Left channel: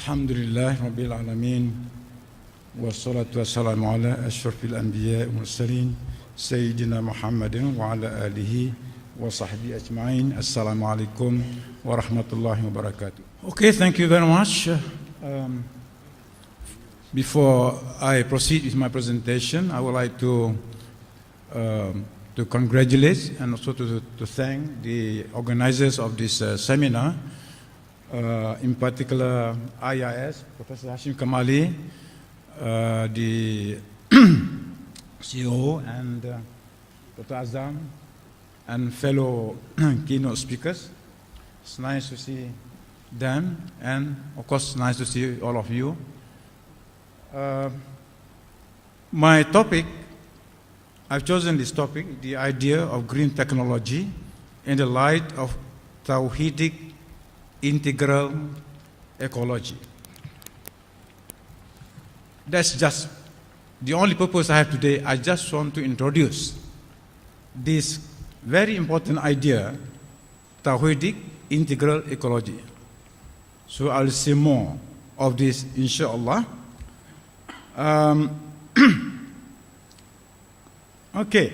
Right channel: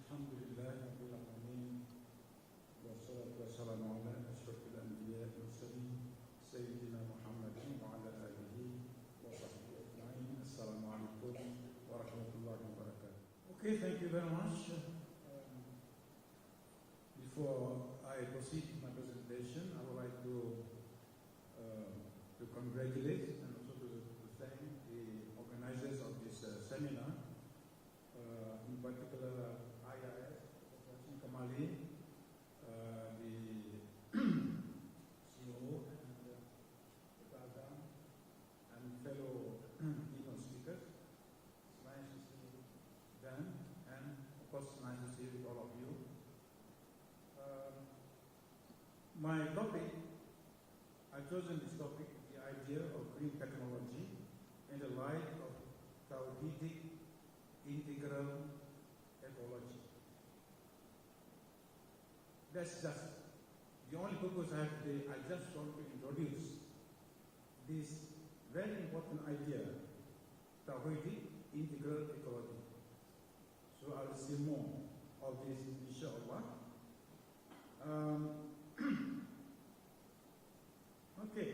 Alhamdulillah Rabbil Alameen wassalatu wassalamu ala ashrafil anbiya wal mursalin Sayyidina Muhammadin wa ala alihi wa sahbihi ajma'in. Assalamu alaikum wa rahmatullahi wa barakatuh. Okay, thank you very much. Before I proceed with my presentation, I would like to congratulate and also to thank the organizers of this seminar, in particular IAIS, Professor Hashim Kamali, the CEO, and Dr. Azam, and fellow keynote speakers. It's nice to see them, and of course, nice to see all of you. My topic, I've chosen this topic, the idea of green technology in the light of Tawhidic integral ecology. That's just the only purpose I have today. I just want to introduce this very important idea, Tawhidic integral ecology. So I'll say more of this, inshallah. Okay.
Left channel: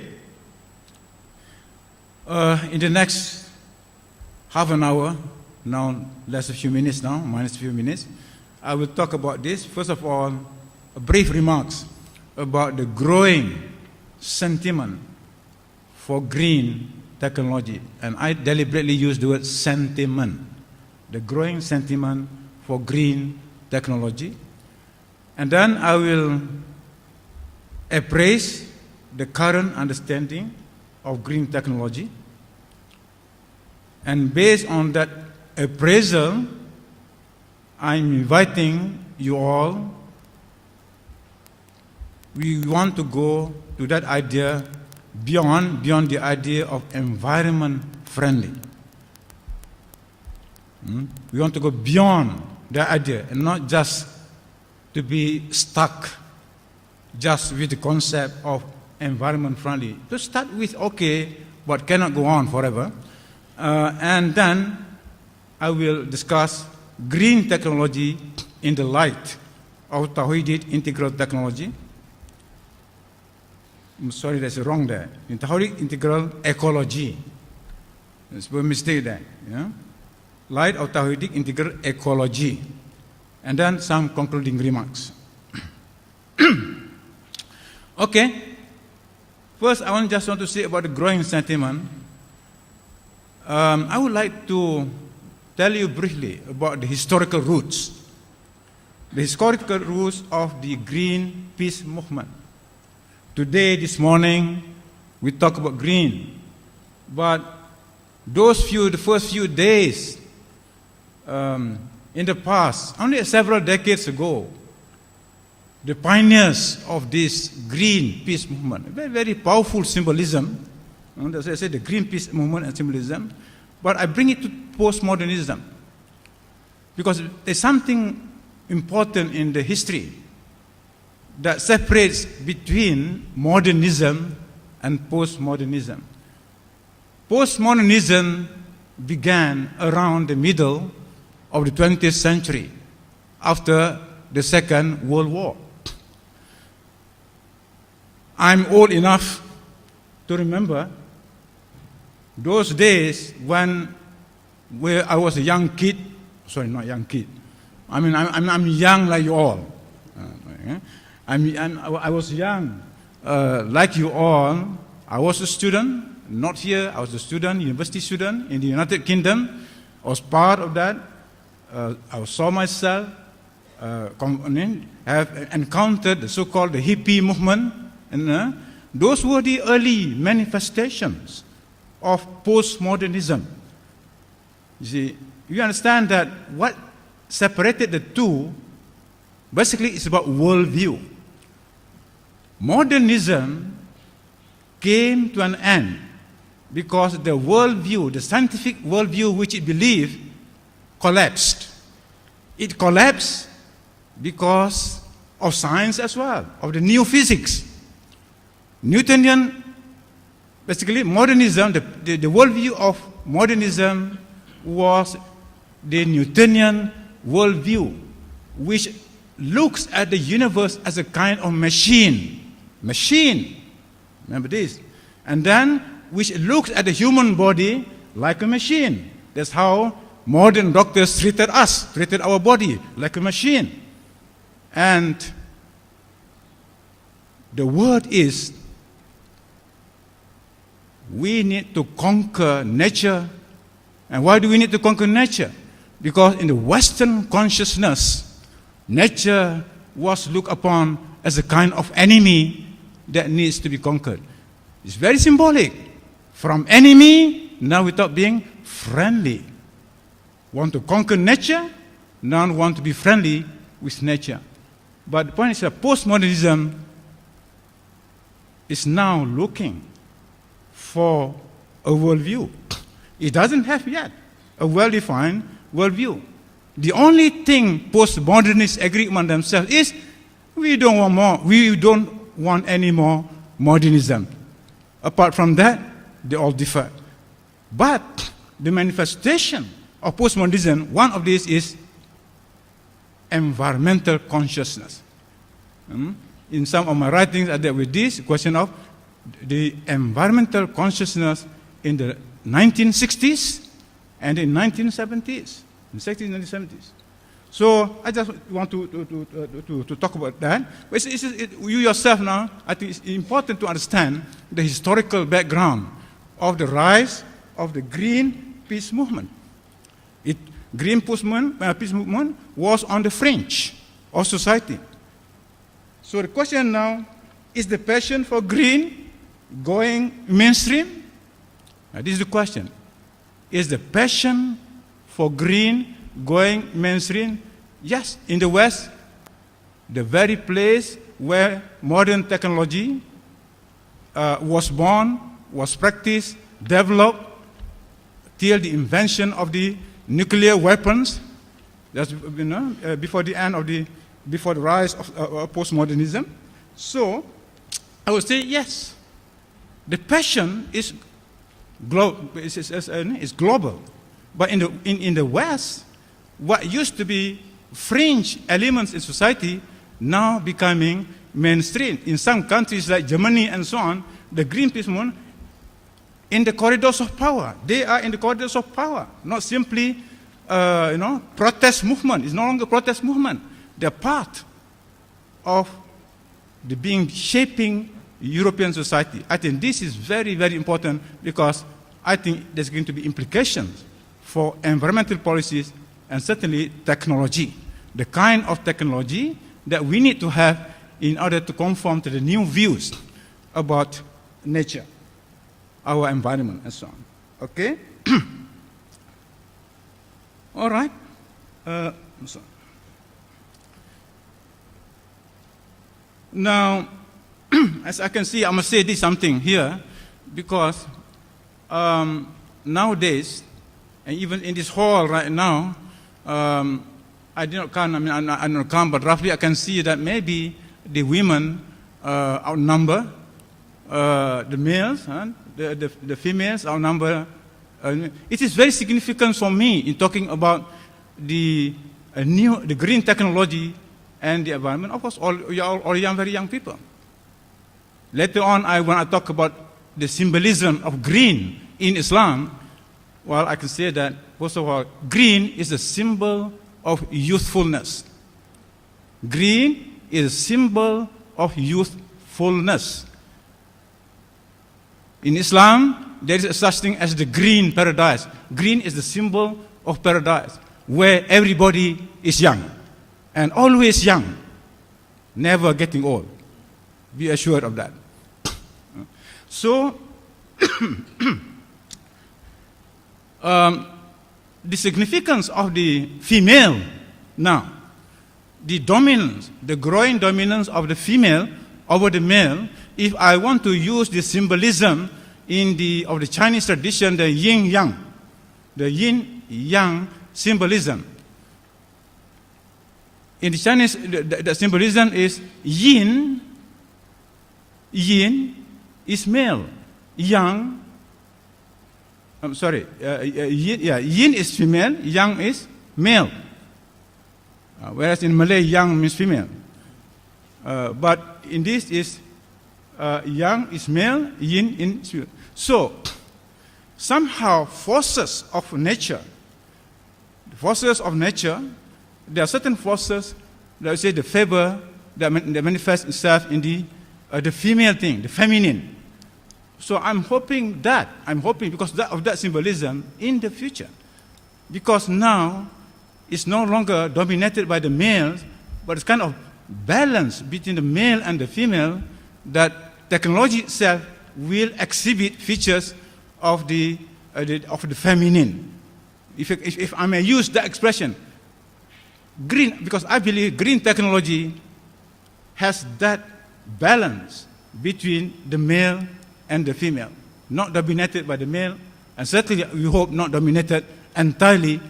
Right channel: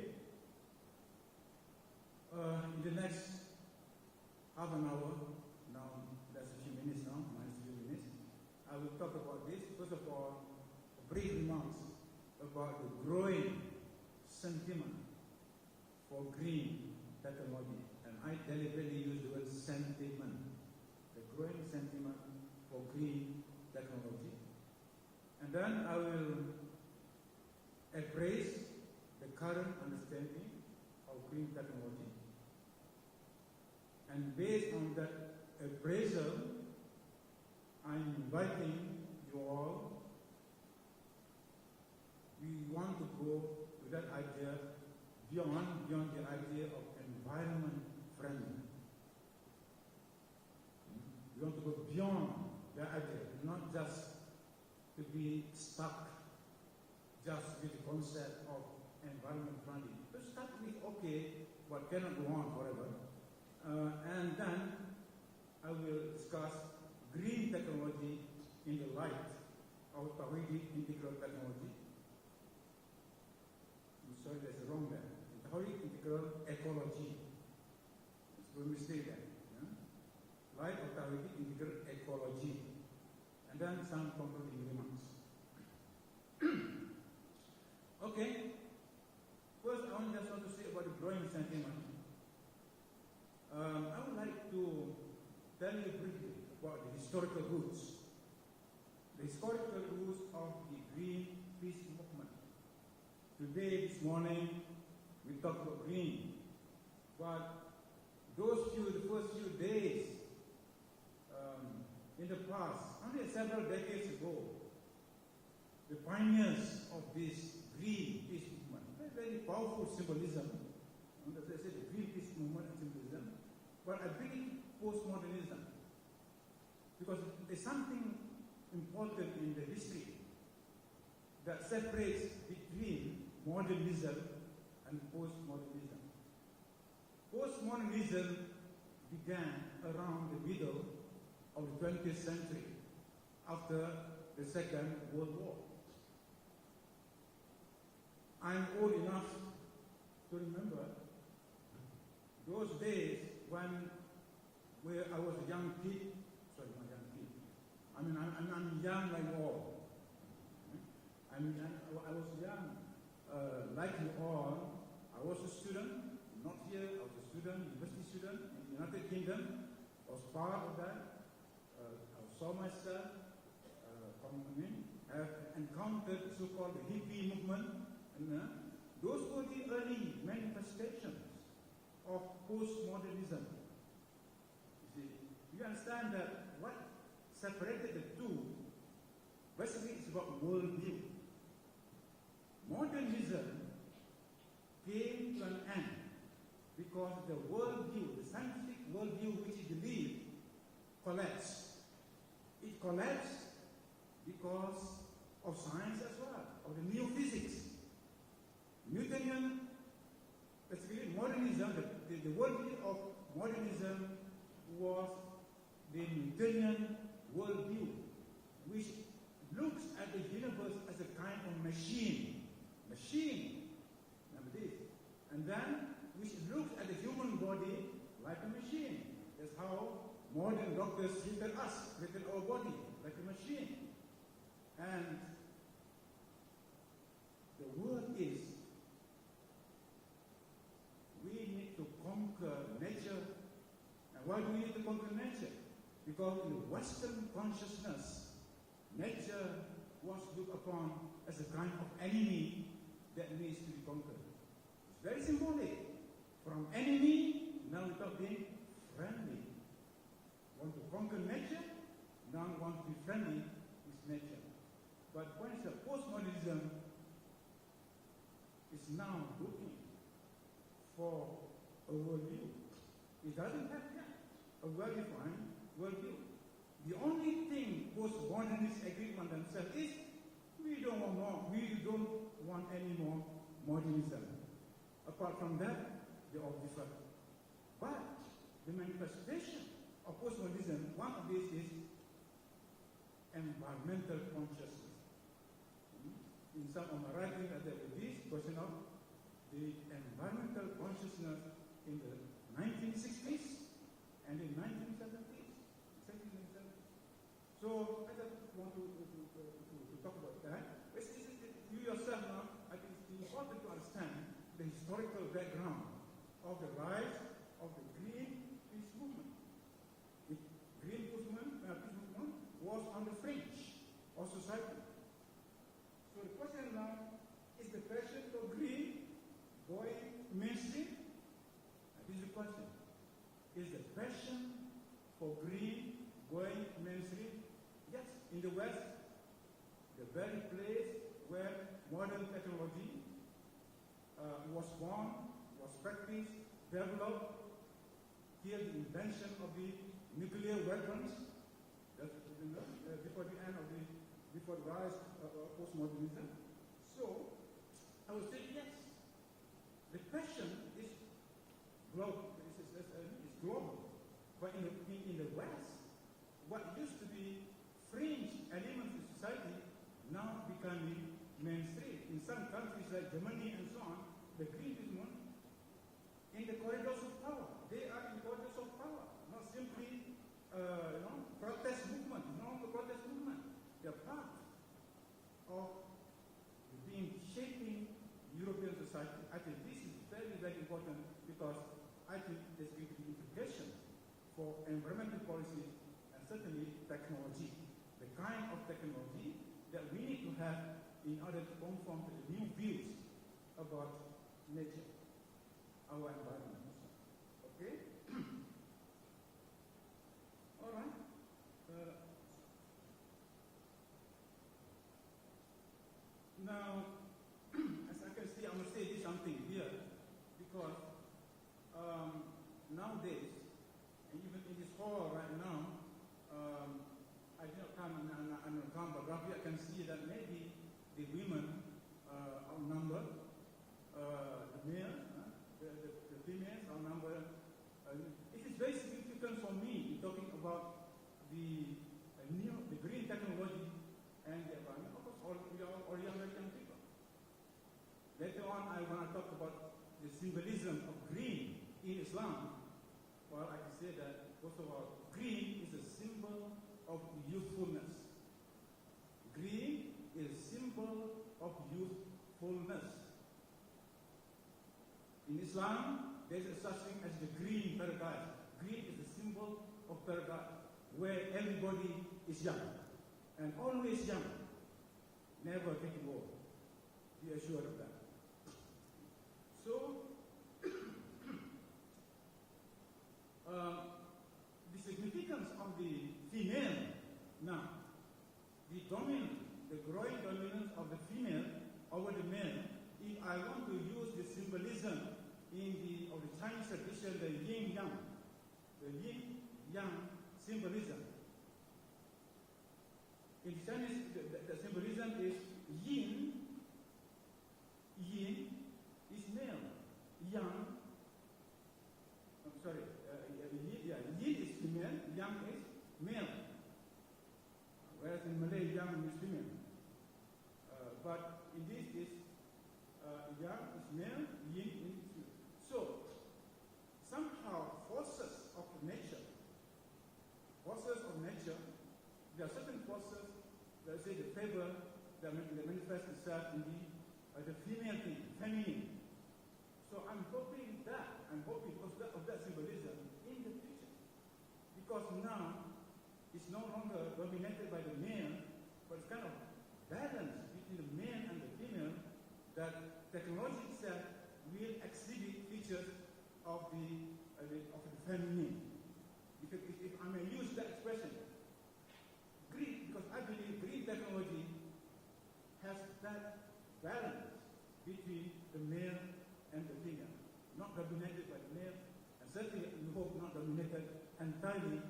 In the next half an hour, now less a few minutes now, minus a few minutes, I will talk about this. First of all, brief remarks about the growing sentiment for green technology. And I deliberately use the word sentiment, the growing sentiment for green technology. And then I will appraise the current understanding of green technology. And based on that appraisal, I'm inviting you all. We want to go to that idea beyond the idea of environment friendly. We want to go beyond that idea and not just to be stuck just with the concept of environment friendly. To start with, okay, but cannot go on forever. And then I will discuss green technology in the light of Tawhidic integral technology. I'm sorry, that's wrong there. In Tawhidic integral ecology. There's a mistake there. Yeah? Light of Tawhidic integral ecology. And then some concluding remarks. Okay. First, I just want to say about the growing sentiment. I would like to tell you briefly about the historical roots. The historical roots of the green peace movement. Today, this morning, we talk about green. But the first few days, in the past, only several decades ago, the pioneers of this green peace movement, very, very powerful symbolism. As I said, the green peace movement and symbolism. But I bring it to postmodernism because there's something important in the history that separates between modernism and postmodernism. Postmodernism began around the middle of the 20th century, after the Second World War. I'm old enough to remember those days when I was a young kid. Sorry, not young kid. I mean, I'm young like you all. I was young like you all. I was a student, not here. I was a student, university student in the United Kingdom. I was part of that. I saw myself have encountered the so-called the hippie movement, and those were the early manifestations of postmodernism. You see, you understand that what separated the two basically is about worldview. Modernism came to an end because the worldview, the scientific worldview which it believed, collapsed. It collapsed because of science as well, of the new physics. Newtonian, basically modernism, the worldview of modernism was the Newtonian worldview. which looks at the universe as a kind of machine. Machine. Remember this. And then, which looks at the human body like a machine. That's how modern doctors treated us, treated our body like a machine. And the word is, we need to conquer nature. And why do we need to conquer nature? Because in the Western consciousness, nature was looked upon as a kind of enemy that needs to be conquered. It's very symbolic. From enemy, now we start being friendly. Want to conquer nature, now want to be friendly with nature. But the point is that postmodernism is now looking for a worldview. It doesn't have yet a well-defined worldview. The only thing postmodernists agree among themselves is we don't want more. We don't want any more modernism. Apart from that, they all differ. But the manifestation of postmodernism, one of these is environmental consciousness. In some of my writings, I dealt with this question of the environmental consciousness in the 1960s and in 1970s. In the 60s and 1970s. So I just want to talk about that. But you yourself now, I think it's important to understand the historical background of the rise of the Green Peace Movement. Green Peace Movement was on the fringe of society. So the question now, is the passion for green going mainstream? This is the question. Is the passion for green going mainstream? Yes, in the West, the very place where modern technology was born, was practiced, developed, till the invention of the nuclear weapons. That's before the rise of postmodernism. So I would say yes, the passion is global, but in the West, what used to be fringe elements in society now becoming mainstream. In some countries like Germany and so on, the Green Peace Movement in the corridors of power. They are in the corridors of power, not simply protest movement. It's no longer protest movement. They're part of the shaping European society. I think this is very, very important because I think there's going to be implications for environmental policies and certainly technology. The kind of technology that we need to have in order to conform to the new views about nature, our environment, and so on. Okay? All right. Now, as I can see, I must say this something here, because nowadays, and even in this hall right now, I did not count, I don't count, but roughly I can see that maybe the women outnumber the males, the females outnumber. It is very significant for me in talking about the green technology and the environment. Of course, you're all very young people. Later on, when I talk about the symbolism of green in Islam, well, I can say that, first of all, green is a symbol of youthfulness. Green is a symbol of youthfulness. In Islam, there is such thing as the green paradise. Green is the symbol of paradise, where everybody is young, and always young, never getting old. Be assured of that. So, the significance of the female now, the dominance, the growing dominance of the female over the male, if I want to use the symbolism of the Chinese tradition, the yin-yang, the yin-yang symbolism. In the Chinese, the symbolism is yin is male, yang, yin is female, yang is male. Whereas in Malay, yang means female. But in this is yang is male, yin is female. So, somehow forces of nature, there are certain forces that we say the favor that manifests itself in the female thing, the feminine. So I'm hoping because of that symbolism in the future, because now it's no longer dominated by the males, but it's kind of balance between the male and the female, that technology itself will exhibit features of the feminine. If I may use that expression, green, because I believe green technology has that balance between the male and the female, not dominated by the male, and certainly we hope not dominated entirely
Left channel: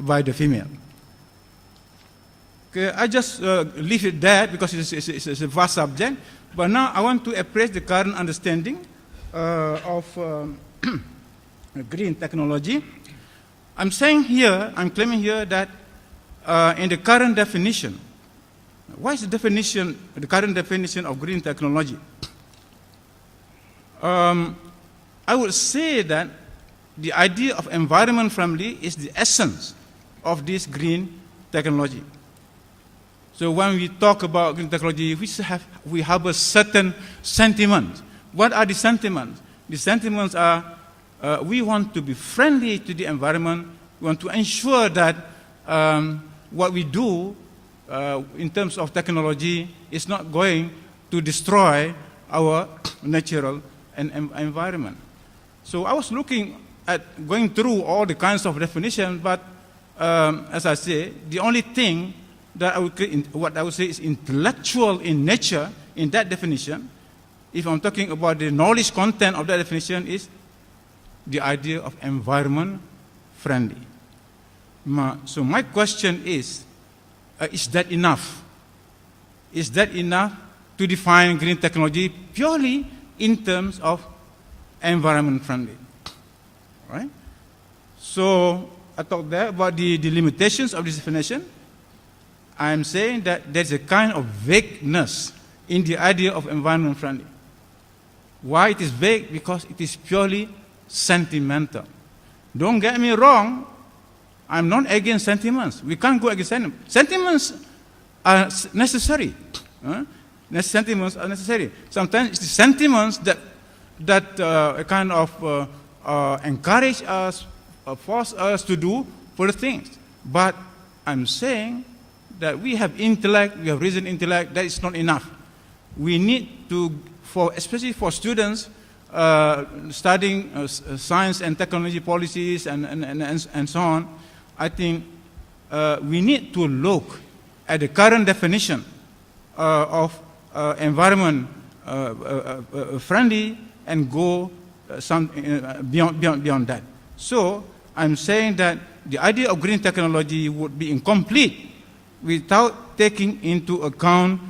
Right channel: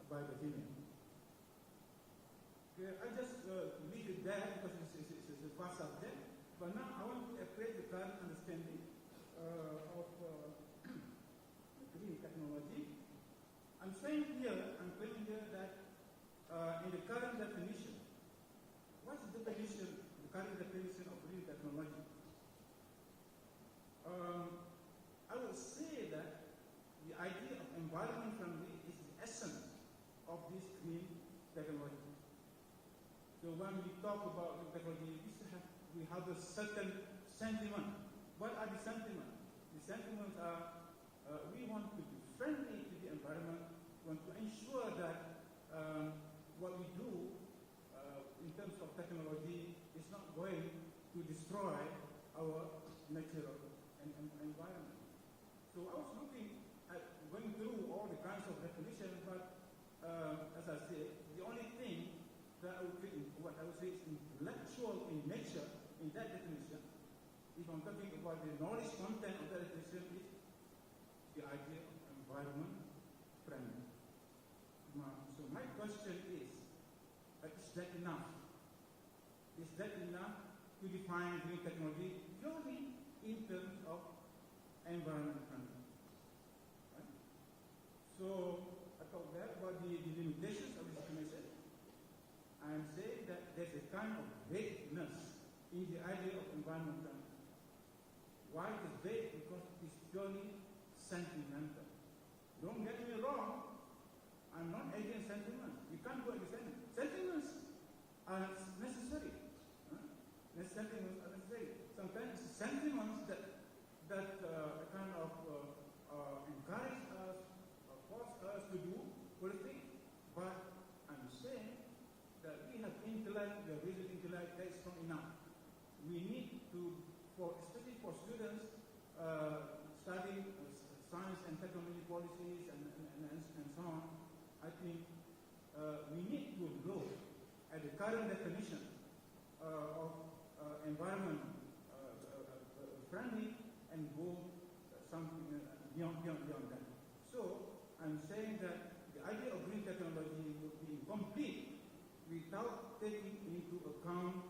by the female. Okay, I just leave it there because it's a vast subject, but now I want to appraise the current understanding of green technology. I'm claiming here that in the current definition, what is the current definition of green technology? I would say that the idea of environment friendly is the essence of this green technology. So when we talk about green technology, we have a certain sentiment. What are the sentiments? The sentiments are we want to be friendly to the environment. We want to ensure that what we do in terms of technology is not going to destroy our natural environment. So I was looking at going through all the kinds of definitions, but as I say, the only thing that what I would say is intellectual in nature in that definition, if I'm talking about the knowledge content of that definition, is the idea of environment friendly. So my question is that enough? Is that enough to define green technology purely in terms of environment friendly? Right? So I talked there about the limitations of this definition. I'm saying that there's a kind of vagueness in the idea of environment friendly. Why it is vague? Because it is purely sentimental. Don't get me wrong, I'm not against sentiments. We can't go against sentiments. Sentiments are necessary. Sentiments are necessary. Sometimes it's the sentiments that kind of encourage us, force us to do for the things. But I'm saying that we have intellect, we have reasoned intellect, that is not enough. We need to, especially for students studying science and technology policies and so on, I think we need to look at the current definition of environment friendly and go beyond that. So I'm saying that the idea of green technology would be incomplete without taking into account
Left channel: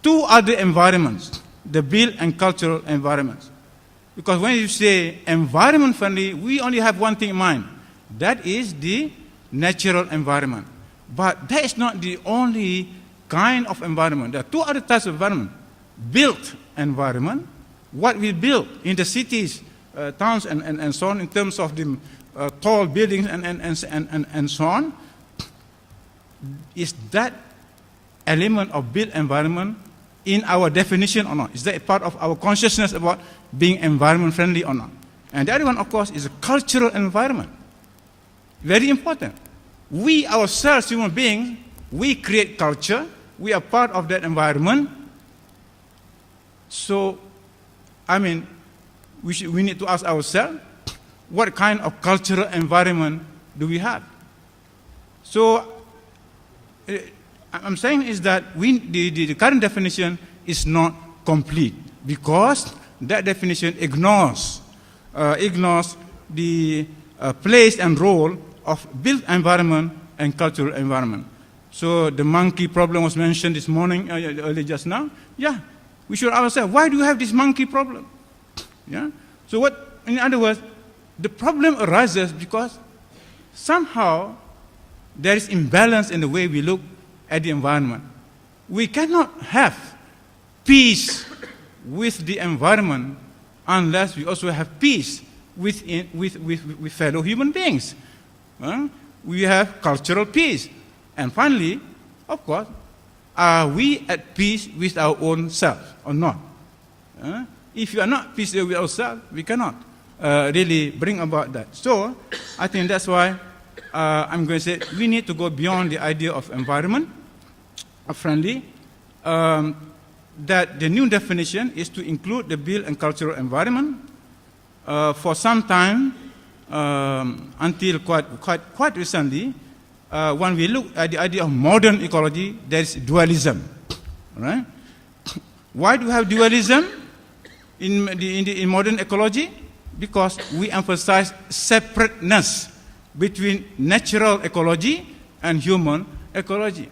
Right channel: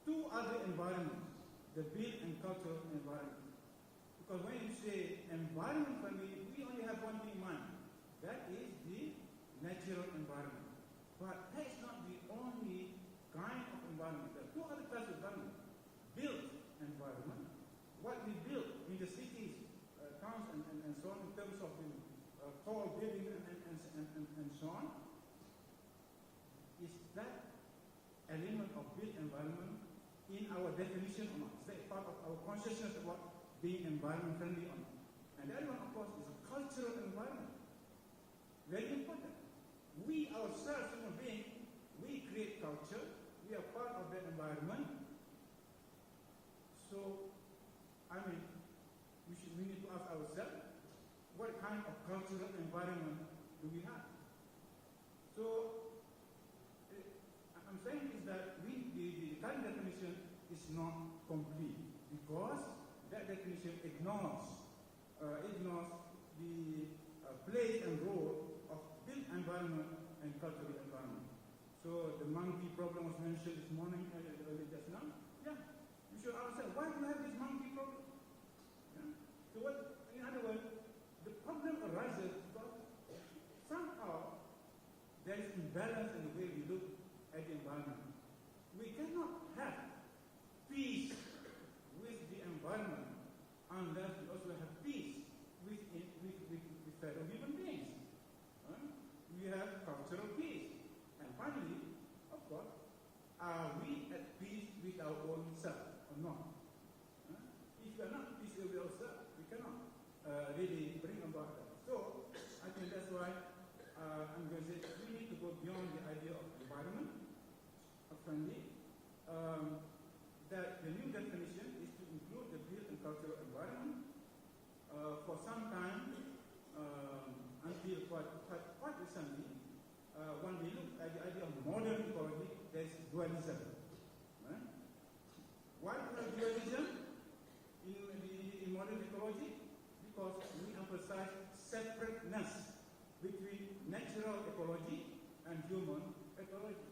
two other environments, the built and cultural environments. Because when you say environment friendly, we only have one thing in mind. That is the natural environment. But that is not the only kind of environment. There are two other types of environment. Built environment, what we build in the cities, towns, and so on, in terms of the tall buildings and so on. Is that element of built environment in our definition or not? Is that a part of our consciousness about being environment friendly or not? And the other one, of course, is a cultural environment. Very important. We ourselves, human beings, we create culture. We are part of that environment. So, I mean, we need to ask ourselves, what kind of cultural environment do we have? So, I'm saying is that the current definition is not complete because that definition ignores the place and role of built environment and cultural environment. So the monkey problem was mentioned this morning, early just now. Yeah, we should ask ourselves, why do you have this monkey problem? Yeah. So in other words, the problem arises because somehow there is imbalance in the way we look at the environment. We cannot have peace with the environment unless we also have peace with fellow human beings. We have cultural peace. And finally, of course, are we at peace with our own self or not? If you are not peace with ourselves, we cannot really bring about that. So I think that's why I'm going to say we need to go beyond the idea of environment friendly. That the new definition is to include the built and cultural environment. For some time, until quite recently, when we look at the idea of modern ecology, there is dualism. Right? Why do we have dualism in modern ecology? Because we emphasize separateness between natural ecology and human ecology.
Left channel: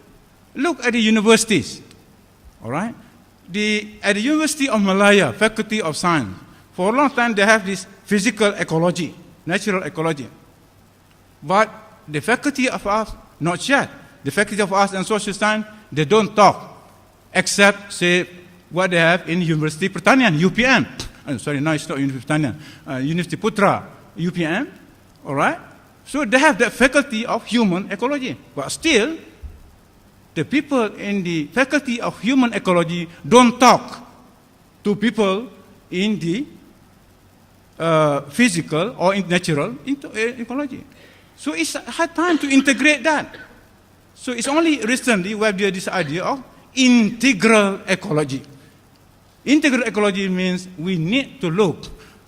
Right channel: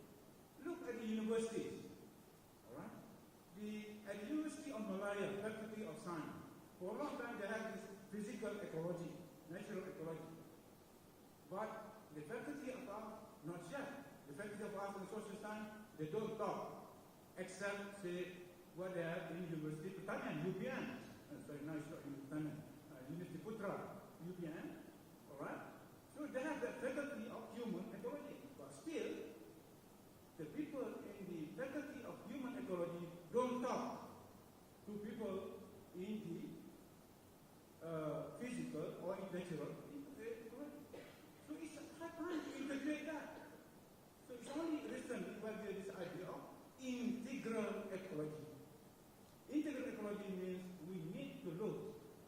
Look at the universities. All right? At the University of Malaya, Faculty of Science, for a long time they have this physical ecology, natural ecology. But the Faculty of Arts, not yet. The Faculty of Arts and Social Science, they don't talk, except, say, what they have in Universiti Pertanian, UPM. Sorry, no, it's not Universiti Pertanian. Universiti Putra, UPM. All right? So they have that faculty of human ecology. But still, the people in the faculty of human ecology don't talk to people in the physical or in natural ecology. So it's hard time to integrate that. So it's only recently we have this idea of integral ecology. Integral ecology means we need to look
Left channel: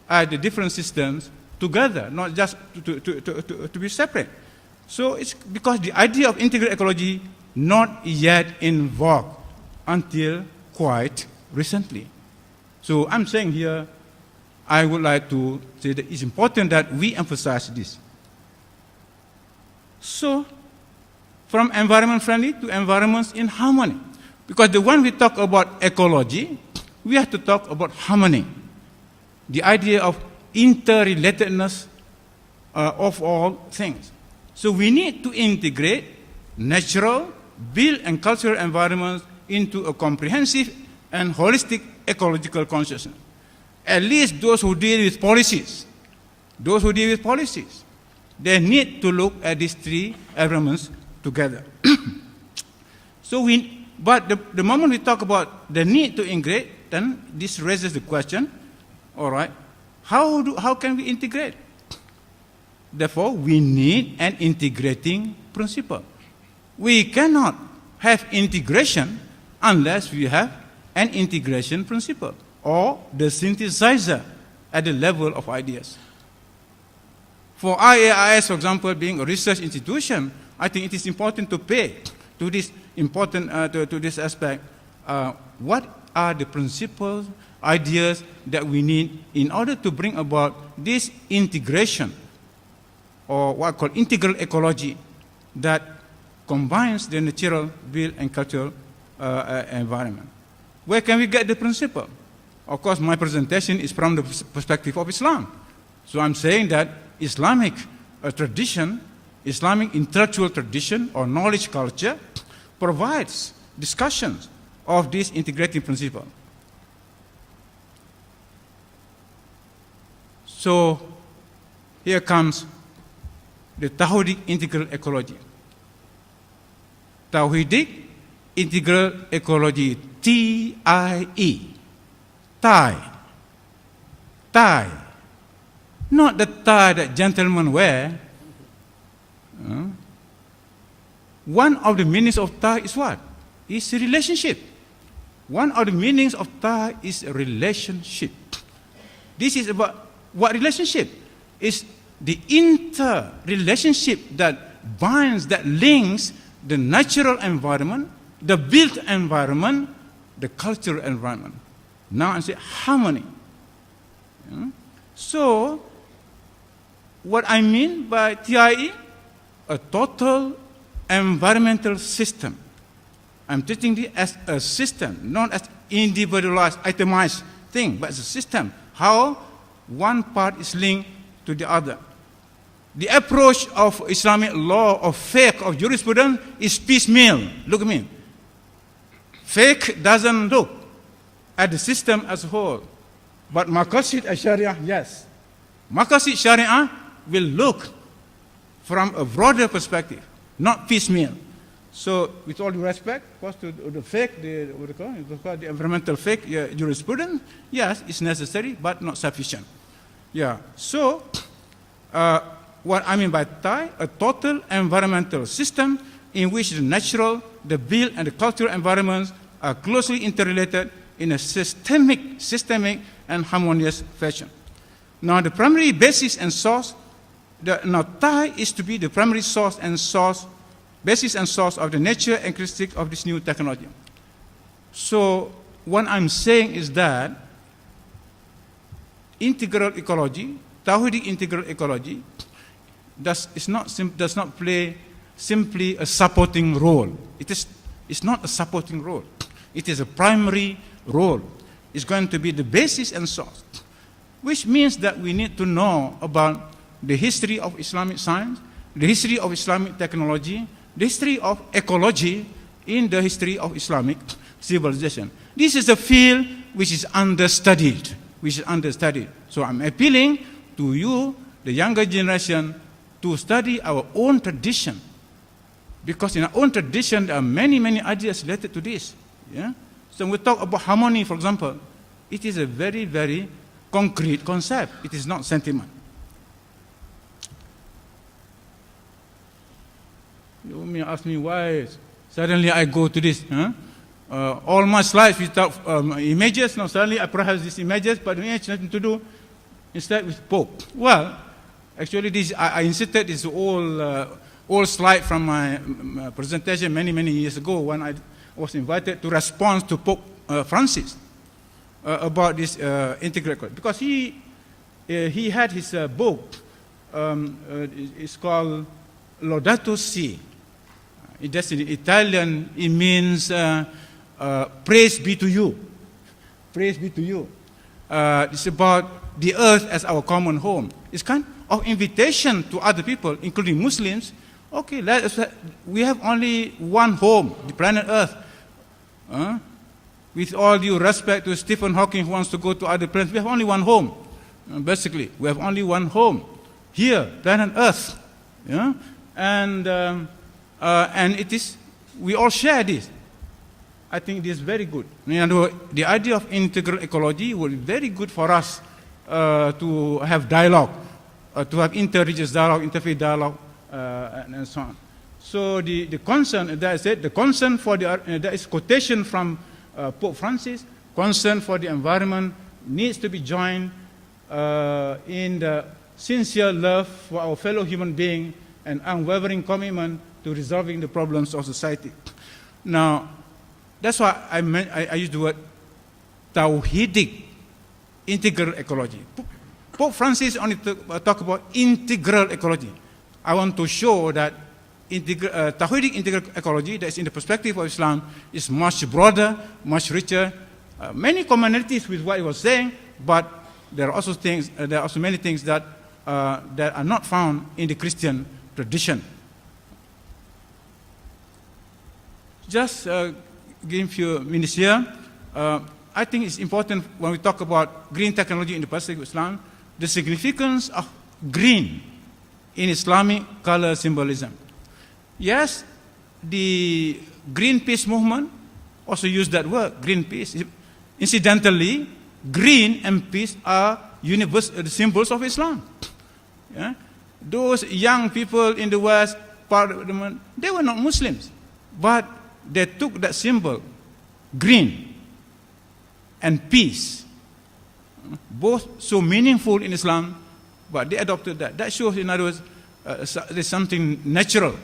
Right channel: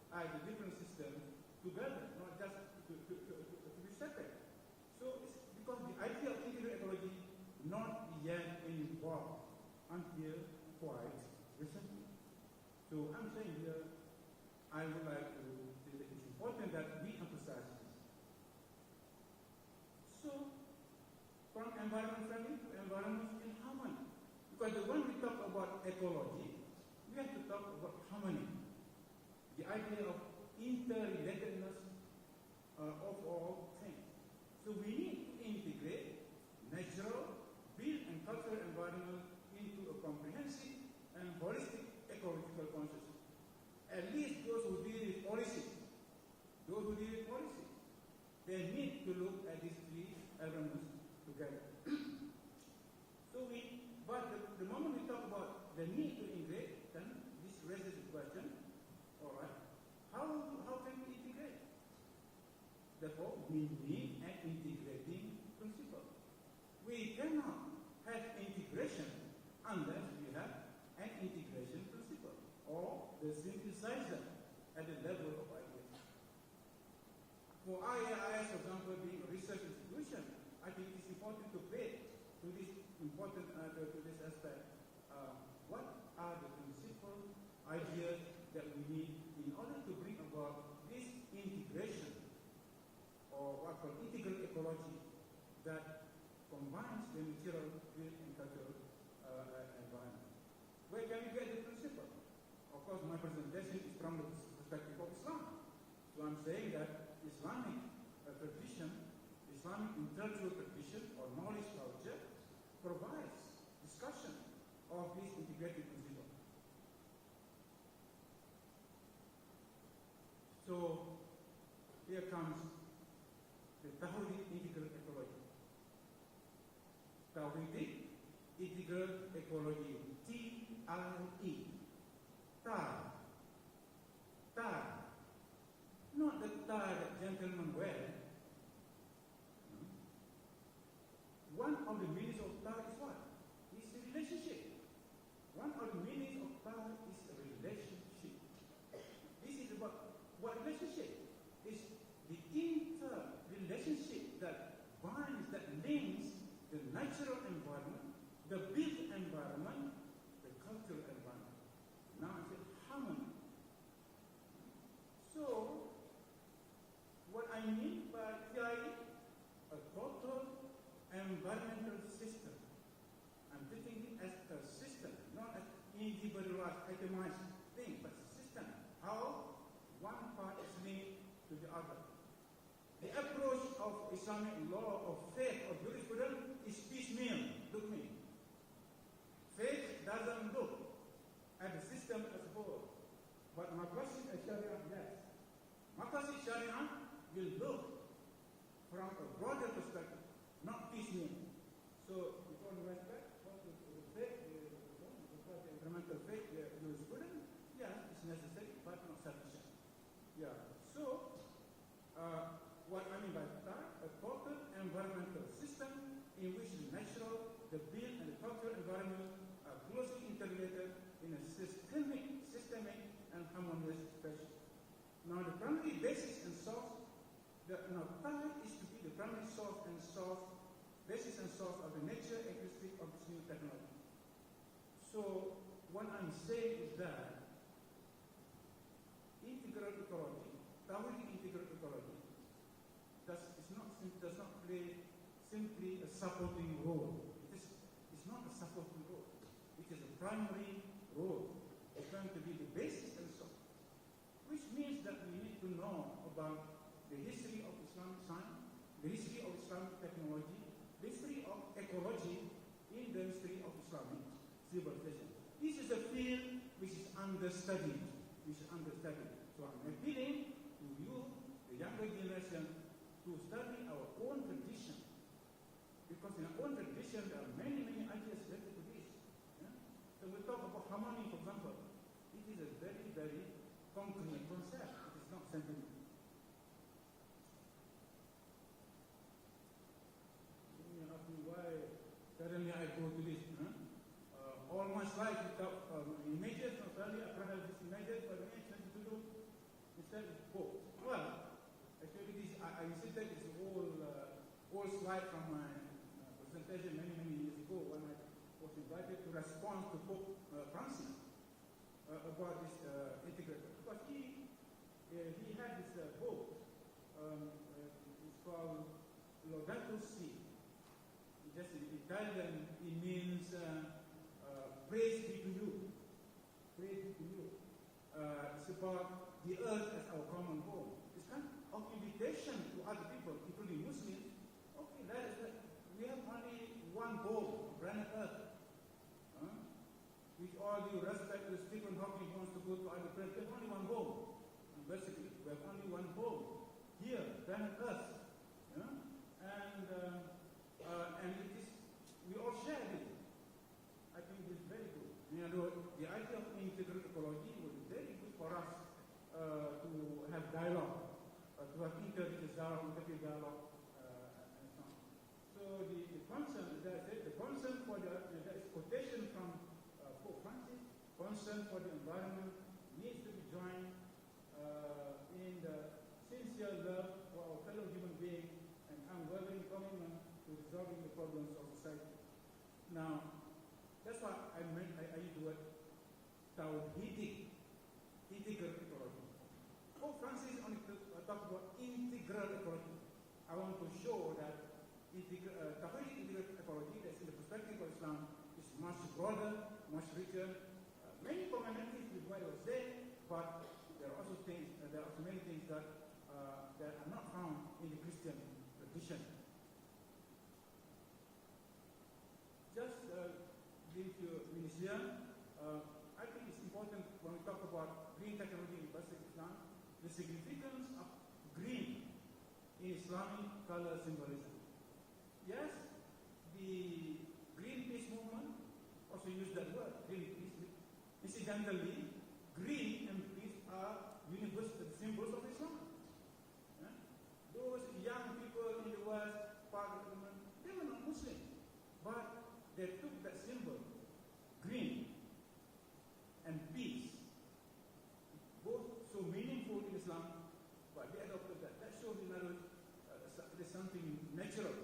at the different systems together, not just to be separate. So it's because the idea of integral ecology not yet in vogue until quite recently. So I'm saying here, I would like to say that it's important that we emphasize this. So, from environment friendly to environments in harmony. Because when we talk about ecology, we have to talk about harmony. The idea of interrelatedness of all things. So we need to integrate natural, built and cultural environments into a comprehensive and holistic ecological consciousness. At least those who deal with policies, they need to look at these three elements together. But the moment we talk about the need to integrate, then this raises the question, all right, how can we integrate? Therefore, we need an integrating principle. We cannot have integration unless we have an integration principle or the synthesizer at the level of ideas. For IAIS, for example, being a research institution, I think it is important to pay to this to this aspect. What are the principles, ideas that we need in order to bring about this integration, or what I call integral ecology, that combines the natural, built, and cultural environment? Where can we get the principle? Of course, my presentation is from the perspective of Islam. So I'm saying that Islamic tradition, Islamic intellectual tradition or knowledge culture provides discussions of this integrating principle. So here comes the Tawhidic integral ecology. Tawhidic integral ecology, T-I-E, tie. Not the tie that gentlemen wear. One of the meanings of tie is what? Is a relationship. One of the meanings of tie is a relationship. This is about what relationship? Is the interrelationship that binds, that links the natural environment, the built environment, the cultural environment. Now I say harmony. So, what I mean by TIE, a total environmental system. I'm treating it as a system, not as individualized, itemized thing, but as a system. How one part is linked to the other. The approach of Islamic law, of fiqh, of jurisprudence is piecemeal. Look at me. Fiqh doesn't look at the system as a whole. But Maqasid al-Sharia, yes. Maqasid Sharia will look from a broader perspective, not piecemeal. So, with all due respect, first to the fiqh, the environmental fiqh, jurisprudence, yes, it's necessary, but not sufficient. Yeah. So, what I mean by TAI, a total environmental system in which the natural, the built, and the cultural environments are closely interrelated in a systemic and harmonious fashion. Now, the primary basis and source, now TAI is to be the primary basis and source of the nature and characteristics of this new technology. So, what I'm saying is that integral ecology, Tawhidic integral ecology, does not play simply a supporting role. It's not a supporting role. It is a primary role. It's going to be the basis and source, which means that we need to know about the history of Islamic science, the history of Islamic technology, the history of ecology in the history of Islamic civilization. This is a field which is understudied, So I'm appealing to you, the younger generation, to study our own tradition. Because in our own tradition, there are many, many ideas related to this. Yeah? So when we talk about harmony, for example, it is a very, very concrete concept. It is not sentiment. You may ask me why suddenly I go to this. Huh? All my slides without images. Now suddenly I perhaps these images, but it has nothing to do instead with Pope. Well, actually, this I inserted this old slide from my presentation many, many years ago when I was invited to respond to Pope Francis about this integral ecology. Because he had his book, it's called Laudato Si. That's in Italian, it means praise be to you. Praise be to you. It's about the earth as our common home. It's kind of invitation to other people, including Muslims. Okay, we have only one home, the planet Earth. With all due respect to Stephen Hawking who wants to go to other planets, we have only one home. Basically, we have only one home. Here, planet Earth. Yeah? And it is, we all share this. I think this is very good. The idea of integral ecology will be very good for us to have dialogue, to have inter-religious dialogue, interfaith dialogue, and so on. So the concern, that is it, the concern for there is quotation from Pope Francis, concern for the environment needs to be joined in the sincere love for our fellow human being and unwavering commitment to resolving the problems of society. Now, that's why I use the word Tawhidic integral ecology. Pope Francis only talk about integral ecology. I want to show that Tawhidic integral ecology, that is in the perspective of Islam, is much broader, much richer, many commonalities with what he was saying, but there are also things, there are also many things that are not found in the Christian tradition. Just give a few minutes here. I think it's important when we talk about green technology in the perspective of Islam, the significance of green in Islamic color symbolism. Yes, the Greenpeace movement also used that word, Greenpeace. Incidentally, green and peace are the symbols of Islam. Yeah? Those young people in the West, they were not Muslims, but they took that symbol, green and peace, both so meaningful in Islam, but they adopted that. That shows, in other words, there's something natural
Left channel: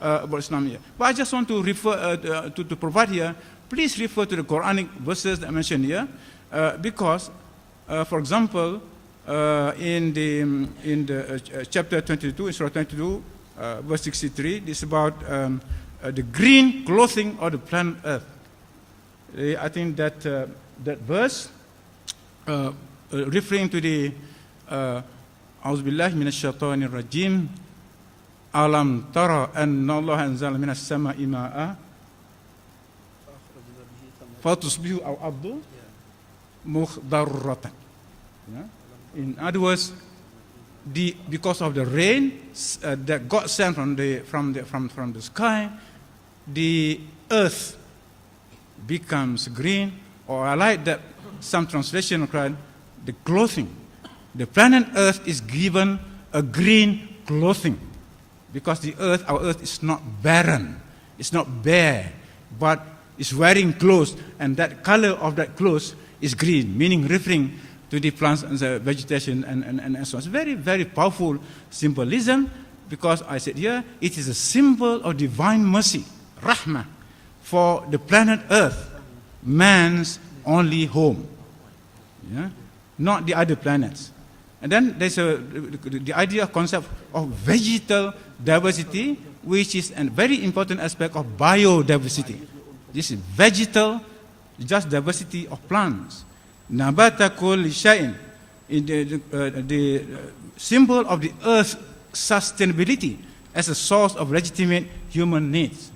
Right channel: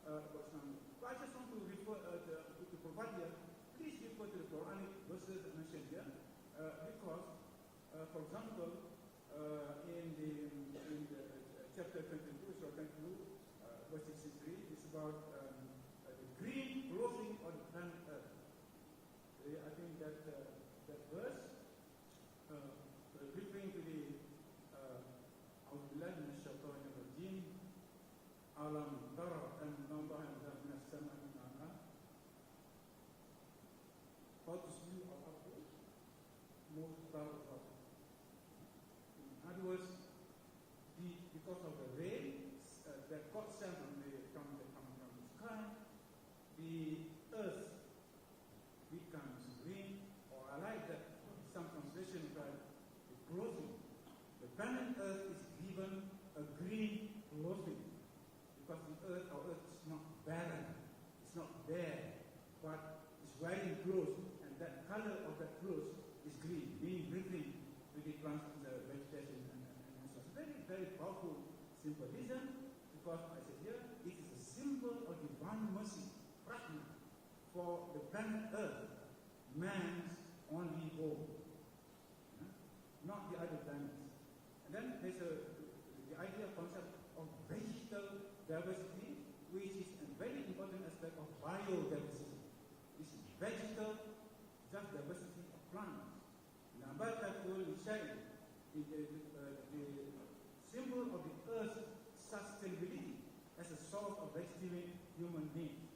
about Islam here. But I just want to refer to provide here. Please refer to the Quranic verses that I mentioned here, because, for example, in the chapter 22, in Surah 22, verse 63, this is about the green clothing of the planet Earth. I think that that verse, referring to the أعوذ بالله من الشيطان الرجيم ألم ترى أن الله أنزل من السماء ماء فتصبح الأرض مخضرة. In other words, because of the rain that God sent from the sky, the earth becomes green, or I like that some translation called the clothing. The planet Earth is given a green clothing because the earth, our earth, is not barren, it's not bare, but it's wearing clothes, and that color of that clothes is green, meaning referring to the plants and the vegetation and so on. It's very, very powerful symbolism, because I said here, it is a symbol of divine mercy, rahmah, for the planet Earth, man's only home, not the other planets. And then there's the idea, concept of vegetal diversity, which is a very important aspect of biodiversity. This is vegetal, just diversity of plants. Nabata kulli shay'in, the symbol of the earth's sustainability as a source of legitimate human needs.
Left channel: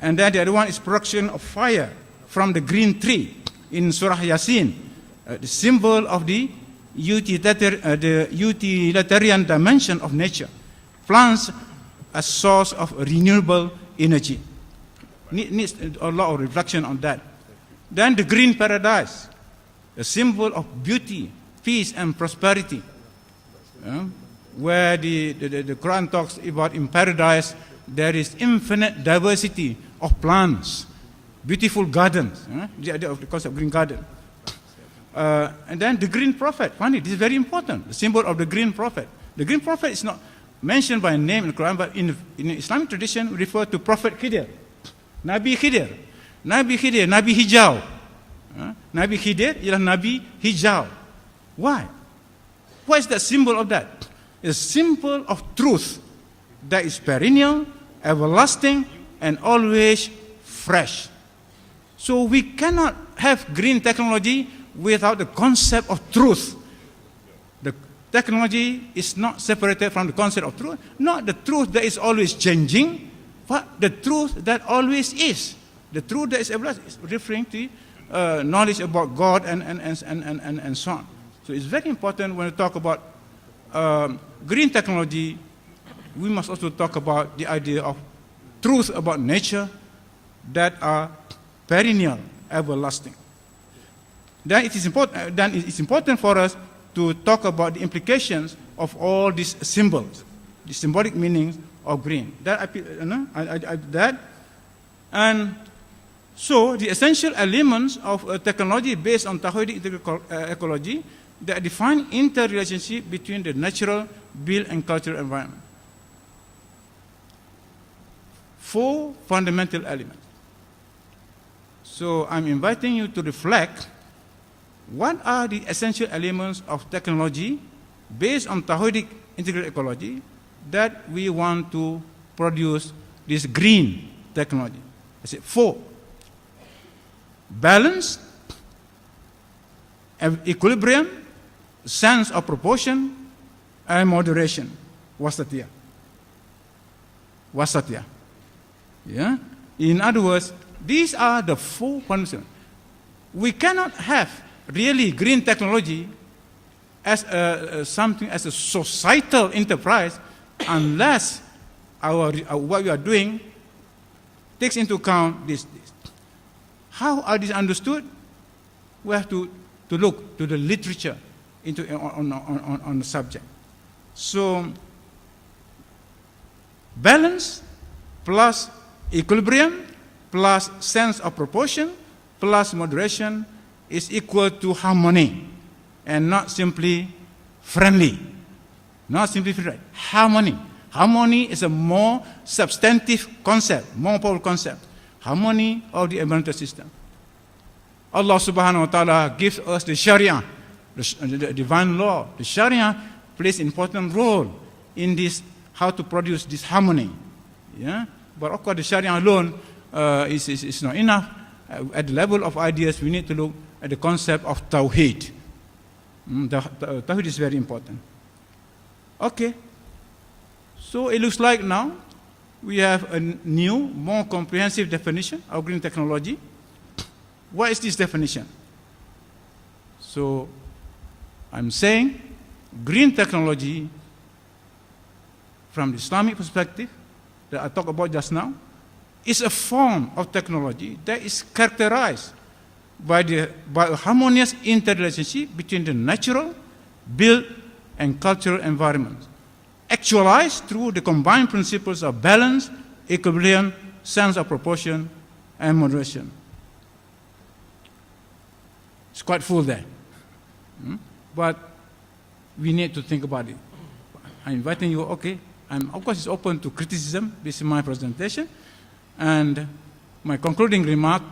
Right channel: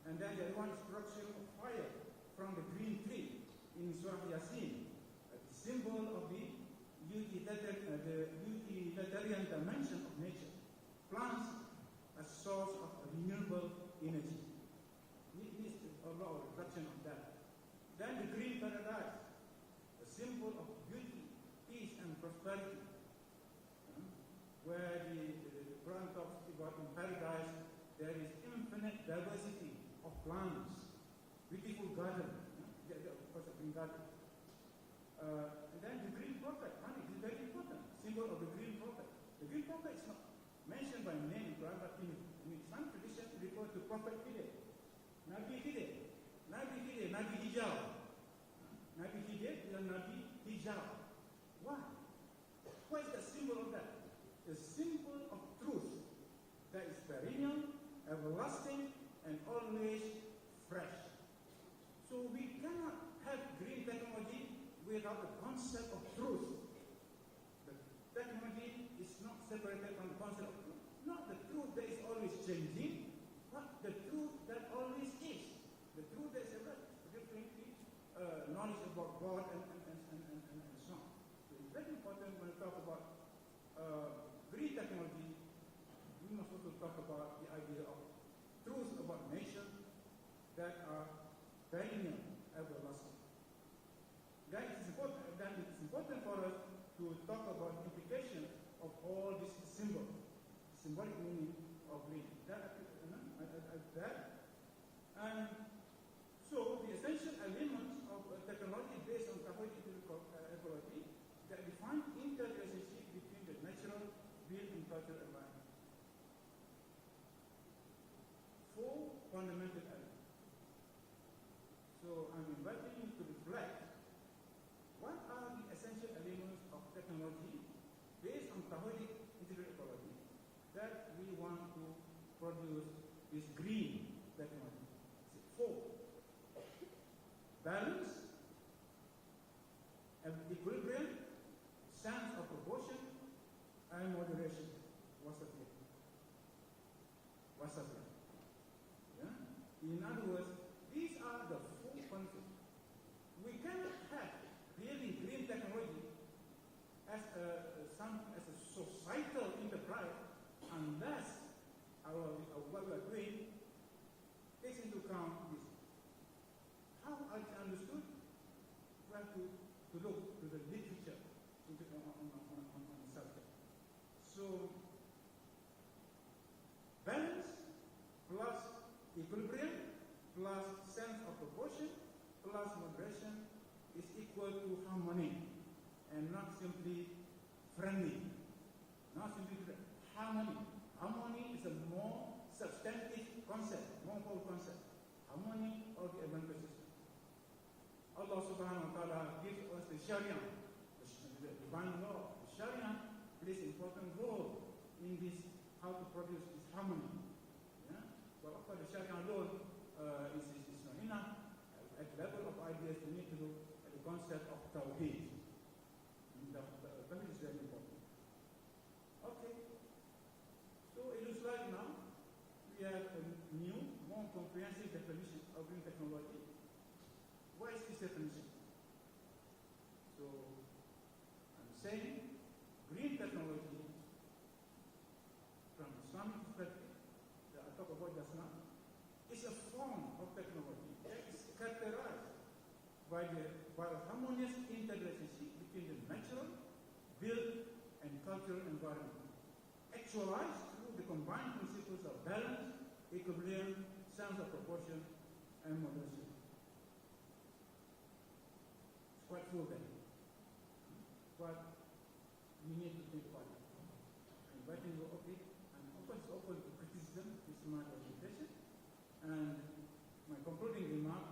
And then the other one is production of fire from the green tree in Surah Yasin, the symbol of the utilitarian dimension of nature. Plants as source of renewable energy. Needs a lot of reflection on that. Then the green paradise, a symbol of beauty, peace, and prosperity. Where the Quran talks about in paradise, there is infinite diversity of plants, beautiful gardens, the idea of the concept of green garden. And then the green prophet, funny, this is very important, the symbol of the green prophet. The green prophet is not mentioned by name in the Quran, but in Islamic tradition, we refer to Prophet Khidir, Nabi Khidir, Nabi Hijau. Nabi Khidir ialah Nabi Hijau. Why? What is the symbol of that? It's a symbol of truth that is perennial, everlasting, and always fresh. So we cannot have green technology without the concept of truth. The technology is not separated from the concept of truth, not the truth that is always changing, but the truth that always is. The truth that is everlasting is referring to knowledge about God and so on. So it's very important when we talk about green technology, we must also talk about the idea of truth about nature that are perennial, everlasting. Then it's important for us to talk about the implications of all these symbols, the symbolic meanings of green. And so the essential elements of technology based on Tawhidic ecology that define interrelationship between the natural, built, and cultural environment. 4 fundamental elements. So I'm inviting you to reflect, what are the essential elements of technology based on Tawhidic integrated ecology that we want to produce this green technology? I said 4. Balance, equilibrium, sense of proportion, and moderation. Wasatiyah. Wasatiyah. Yeah? In other words, these are the 4 fundamentals. We cannot have really green technology as something as a societal enterprise unless what we are doing takes into account this. How are these understood? We have to look to the literature on the subject. So, balance plus equilibrium plus sense of proportion plus moderation is equal to harmony, and not simply friendly. Not simply friendly. Harmony. Harmony is a more substantive concept, more powerful concept. Harmony of the environmental system. Allah subhanahu wa ta'ala gives us the Sharia, the divine law. The Sharia plays an important role in this, how to produce this harmony. Yeah? But of course the Sharia alone is not enough. At the level of ideas, we need to look at the concept of Tawhid. Tawhid is very important. Okay. So it looks like now we have a new, more comprehensive definition of green technology. What is this definition? So I'm saying green technology from the Islamic perspective that I talked about just now is a form of technology that is characterized by a harmonious interrelationship between the natural, built, and cultural environments, actualized through the combined principles of balance, equilibrium, sense of proportion, and moderation. It's quite full there. But we need to think about it. I'm inviting you, okay, of course it's open to criticism. This is my presentation. And my concluding remark,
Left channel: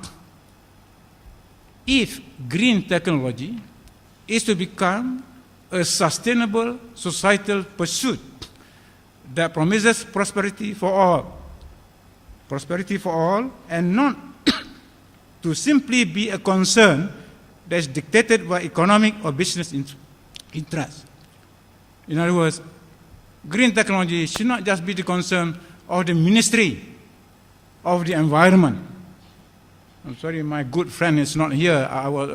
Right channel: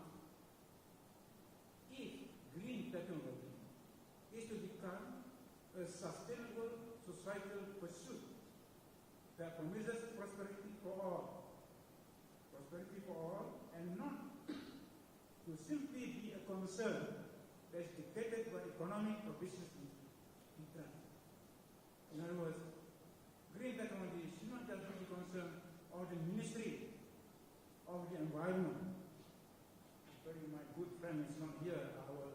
if green technology is to become a sustainable societal pursuit that promises prosperity for all, and not to simply be a concern that is dictated by economic or business interests. In other words, green technology should not just be the concern of the Ministry of the Environment. I'm sorry, my good friend is not here. I was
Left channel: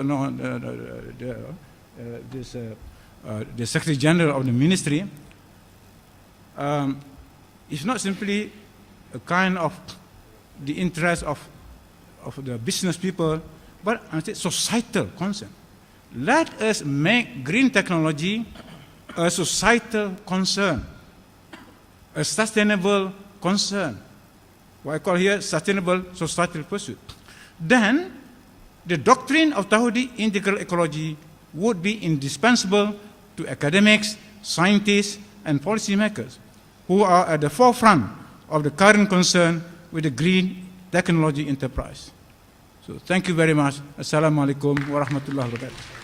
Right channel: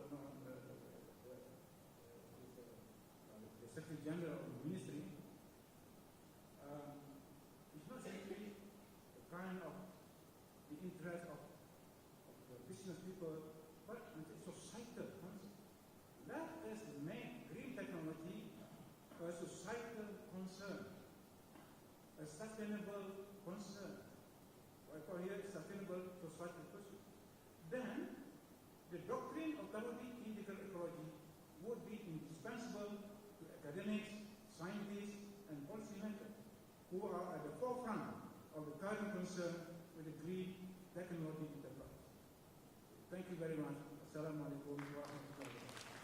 the Secretary General of the Ministry. It's not simply a kind of the interest of the business people, but societal concern. Let us make green technology a societal concern, a sustainable concern, what I call here sustainable societal pursuit. Then the doctrine of Tawhidic integral ecology would be indispensable to academics, scientists, and policymakers who are at the forefront of the current concern with the green technology enterprise. So thank you very much. Assalamu alaikum wa rahmatullahi wa barakatuh.